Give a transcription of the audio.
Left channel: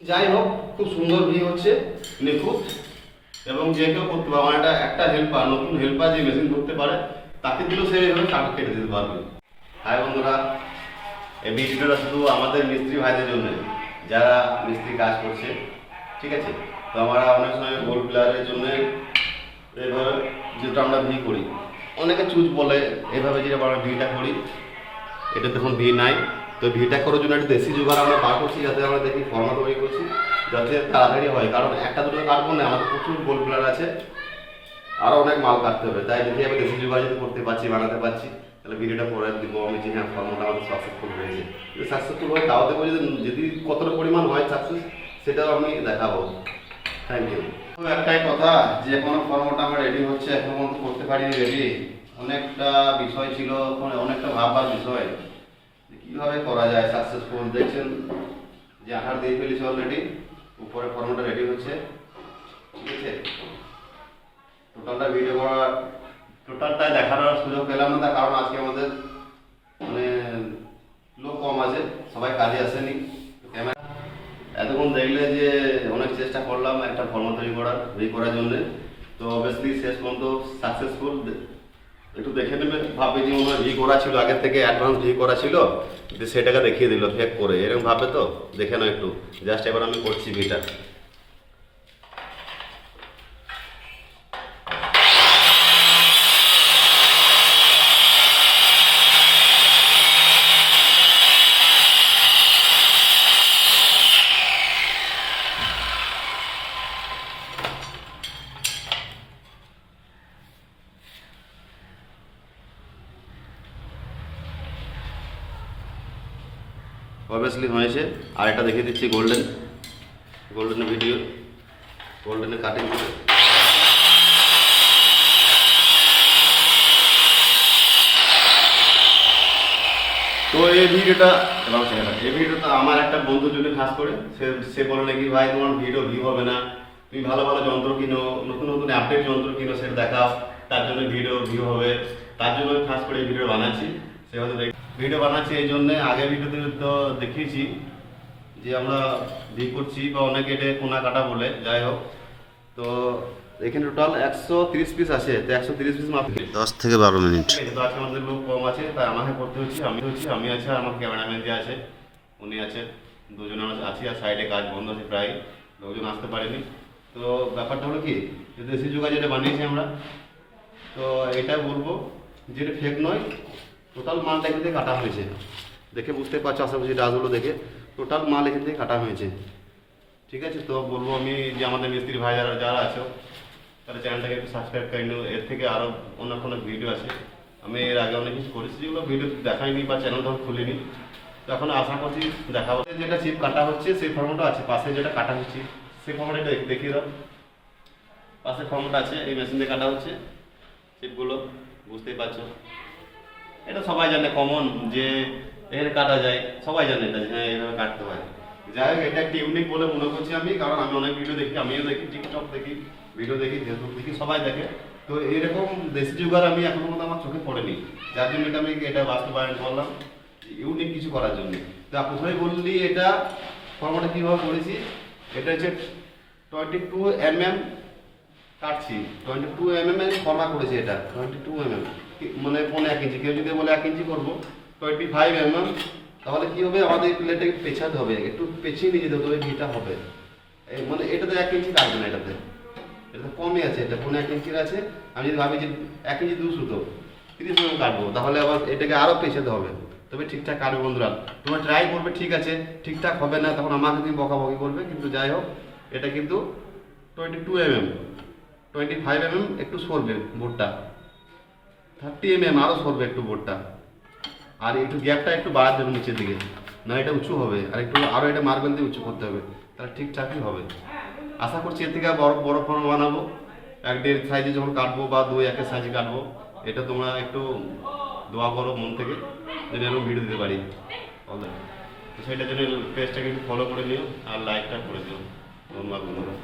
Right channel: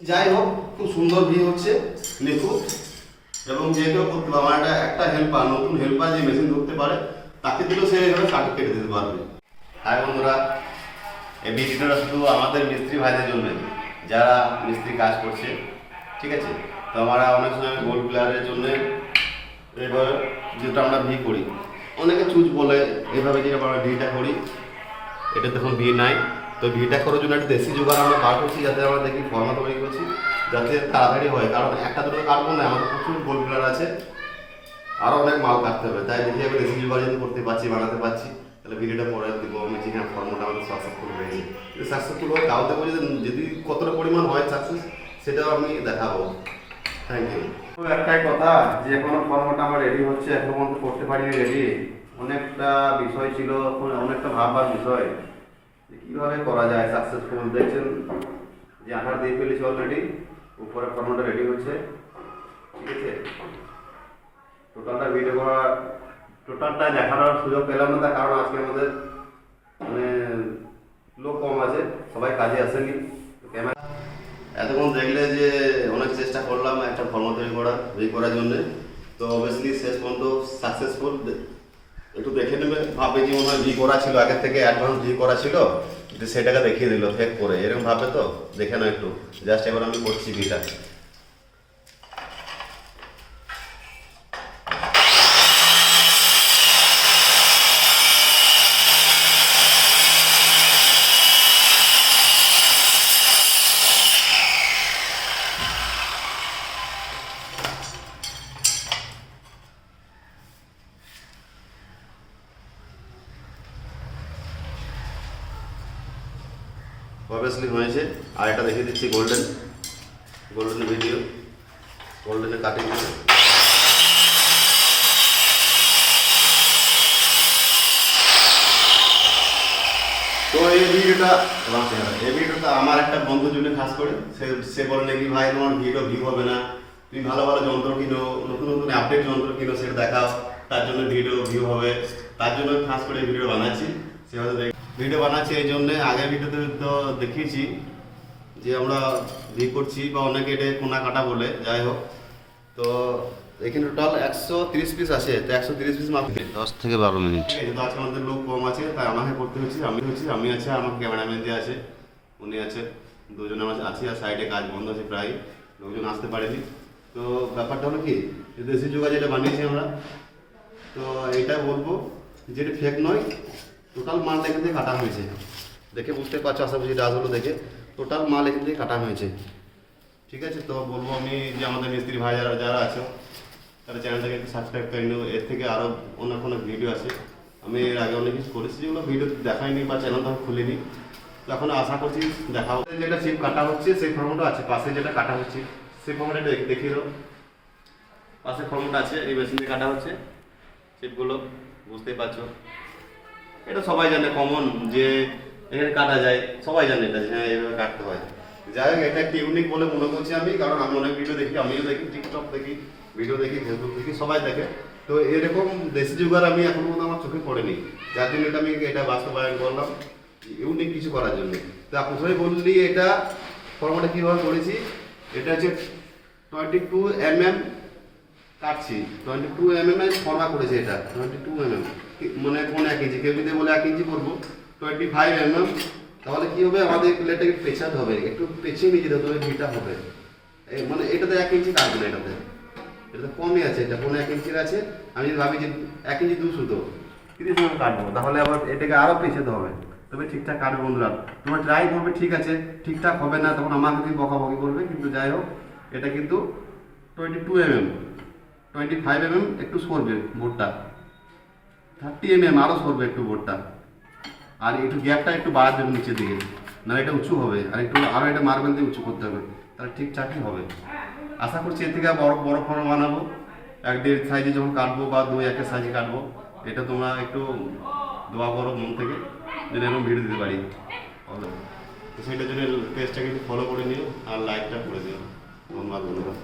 যাই হোক, খুব সুন্দর ভি হচ্ছে, নিখুঁত, এবং যে কেউ করতে পারবে। আমার একটা হেল্পার, নতুন হেল্পার যে মেশিন ধরতে পারে তাকে দিলেও সে এইভাবে কাঠ কেটে দিতে পারবে। হাই বন্ধুরা, এই ভিডিওটা শুধু আমাদের মিস্ত্রি ভাইদের জন্য, যারা মিস্ত্রি কাজ করছে, ঠিক আছে। তো আমরা অনেক সময় গোল্ড প্লেয়ারের জন্য এইভাবে যেটা আমরা ভি করি, অনেকে চুজ বলে, এইভাবে যেটা আমরা ভিটা করি, এটা তখন ভি নাই। তো ভিটা করার জন্য একটা দেশি জোগাড় আমরা বার করছি, যাতে আমরা দেখি ফর্মা তৈরি করছি, যাতে তাড়াতাড়ি হয়। কারণ একটা দুটো কাটবো না, আমাদের প্রচুর গোল্ড প্লেয়ার আছে, আরও অনেক মাল কাটতে হবে। তাই দেখি আমি দেশি জোগাড় যদি করতে পারছি, বানাতে পারছি, তাহলে ভিডিওটা পরে দিব আমি যে হ্যাঁ ফর্মটা আমাদের সাকসেসফুল হয়েছে। যদি সাকসেসফুল হয় তাও দেখবো, যদি কতটা পরিমাণ হয় সাকসেস, সেটাও আমি দেখাবো। Thank you. তো একটাই কথা, যে এখনো ফর্মটা আমার রেডি হচ্ছে, এখনো পর্যন্ত করতে পারিনি রেডি। অনেকটা বিষয় ছিল, অনেকটা ভাববার বিষয় কীভাবে করা যায় সাকসেসফুল। দেখছেন যে আঠার দিয়ে ফেলেছি অলরেডি, উপরে ফর্মটা রেডি হচ্ছে, ঠিক আছে। টোটালটা ভিডিও করার, টোটালটা দেখানোর সুযোগ পেলাম না, তার কারণ আজকে আমাদের মানে লোক কম আছে, সবাই কাজে আসেনি। ক্যামেরা এতক্ষণ দেখলে যে অনেক চেষ্টা করলাম একটা ফর্ম তৈরি করার জন্যে, তো অবভিয়াসলি শেষ পর্যন্ত সাকসেসফুল। একটু দেখে নেবে, ভাবে যে মনে হয় ভি করা ছিল, আগের থেকে অ্যাডভান্স ভি করা ছিল, যে সেটাকে দেখিয়ে দিল ফেক করে, এরকম ভাবে। তো দেখে নাও একটু, জাস্ট এবার আমি করছি ভিটা। অবভিয়াসলি হয়েছে। আর একটা দেখিয়ে দিচ্ছি গোল্ডেনের ভিডিও, গোল্ডেনের কাটিং। তো এই ভিডিওটা আমার একটা বন্ধুর জন্য খাস করে, সে বললে কি ভাই তোমার ভিডিও ভিউ হবে না, তুমি ভালো ভালো যন্ত্র কিনো, নতুন নতুন আপডেট যন্ত্র কিনো, সেটা দেখাও, তার জন্য ভিডিও ভিউ হবে। তার জন্য আমি খাস করে এই ভিডিও বানাচ্ছি। সে হয়তো ভিডিও বানাচ্ছি এই জন্যে, আগের ভিডিওতে তো দেখিয়েছি যে আমরা ভি করছি, বা অনেকে এটা কোনা কাটা বলে। যাই হোক, তো এখানে টোটাল 130 পিস আছে, তো 130 পিস মাত্র 10 থেকে 12 মিনিট। তো আজকে আমাদের লোক কম আছে, তাই আমাকে করতে হচ্ছে। আমি আছে, আমার ক্যামেরাম্যান দিয়ে আছে, উনি আছে, দুজন আমরা আছি। আর সাইডে কাজ বন্ধ আছে, প্রায় লোকজন আসতে পারেনি। তো ব্যাপারটা হলো কি, দেশি জোগাড় যেটা বানিয়েছি আমরা, তো এটা বলবো যেটা ফেক নয়, টোটাল মালটা এখান থেকে কাটা হয়েছে। দেখে বুঝতে পারছো আশা করছি, ডাসগুলো দেখে টোটাল মাল এখান থেকে কাটা হয়েছে, ঠিক আছে। তো বলবো আমি যে আমাদের মিস্ত্রি ভাই যারা আছে, তাহলে চ্যানেলটাকে একটু সাবস্ক্রাইব করে নিও। এর থেকে আরও অন্য কোনো ভিডিও আছে, আমি এর আগে অনেক কিছু করেছি, যেগুলো ভিডিও দেখাইনি বা চ্যানেলটা খুলিনি। তো এখন আশা করছি দেখাবো। যেটা চিপ কাটা হচ্ছে সেই ফর্মটা আছে, পাশে যেটা কাটা হচ্ছে সেই ফর্মটা দেখিয়ে দাও। পাশে ফর্মটা আছে, এই মেশিন দিয়ে কাটা হচ্ছে চিপগুলো, বুঝতেই পারছো। এটা সবাই জানে, কমন যে এখানে কাটা যায়, সবাই জানে এটা, হ্যাঁ এইভাবে কাটতে হয়। যাই হোক, এটা একটা ইউনিক বলে মনে করছি আমি, কারণ আমি অনেক ভিডিও দেখি, আমিও দেখি, টিকটক দেখি, ভিডিও দেখি, ফেসবুক দেখি, সবাই দেখে। তো এরকম দেশি জোগাড় আমি এখনো পর্যন্ত আমার চোখে পড়েনি, যার জন্য এটা আমি এটা বাস্তবায়ন করলাম, ইউনিক কিছু করার জন্য। তো প্রথমেই বললি এটা ফর্মটা কীভাবে করেছি। এটা হচ্ছে 22 mm কাটছি, 22 mm ফর্মা করেছি। এটা 22 mm মানে 1 ইঞ্চি, কেউ যদি বলে 1 ইঞ্চি করবো, 25 mm, তাহলে কি হবে, আমাদের প্লেটটাকে একটু পেছাতে হবে, একটু পেছিয়ে নিয়ে যেতে হবে, ভিটা হবে। মানে এটাতে 1 ইঞ্চি লাগবে না, এটাতে কমই আছে, এটা 1 ইঞ্চির আছে। আমি যদি ভাবি যে 1 ইঞ্চি 2 সুতো 30 mm কাটবো, তাহলে আবার এটাকে আরও পেছাতে হবে, তবে ঠিকঠাক কাটবে। বন্ধুরা তোমরা ট্রাই করবে, ঠিক আছে, ঠিকঠাক হবে না তখন আমাকে কিন্তু বকাবকি করবে, কিন্তু যাই হোক, এটা কিন্তু 22 mm, 25 mm একটু সরবে বোর্ডটা, 30 mm আরও সরবে একটু বোর্ডটা। আর একটু গ্যাপটা একটু বাড়াতে হবে নিচের দিকে, নাহলে এটা উঁচু হবে, আর একটু আরও এটা মার্বেল দিয়ে উঁচু করতে হবে, তাহলে ঠিকঠাকই হবে। আশা করছি এর থেকে বড় বড় ফর্ম বানাবো, 1.5 সাইজে যখন কাটবো, বা 2-1 সাইজে কাটবো। এটা তোমরা একটু দোয়া করো মন থেকে, যেন এরকম ভিডিও দিতে পারি। তো সেইটার জন্য পেজটাকে একটু ফলো করে নিও, আর লাইকটা করে দিও। ধন্যবাদ বন্ধুরা।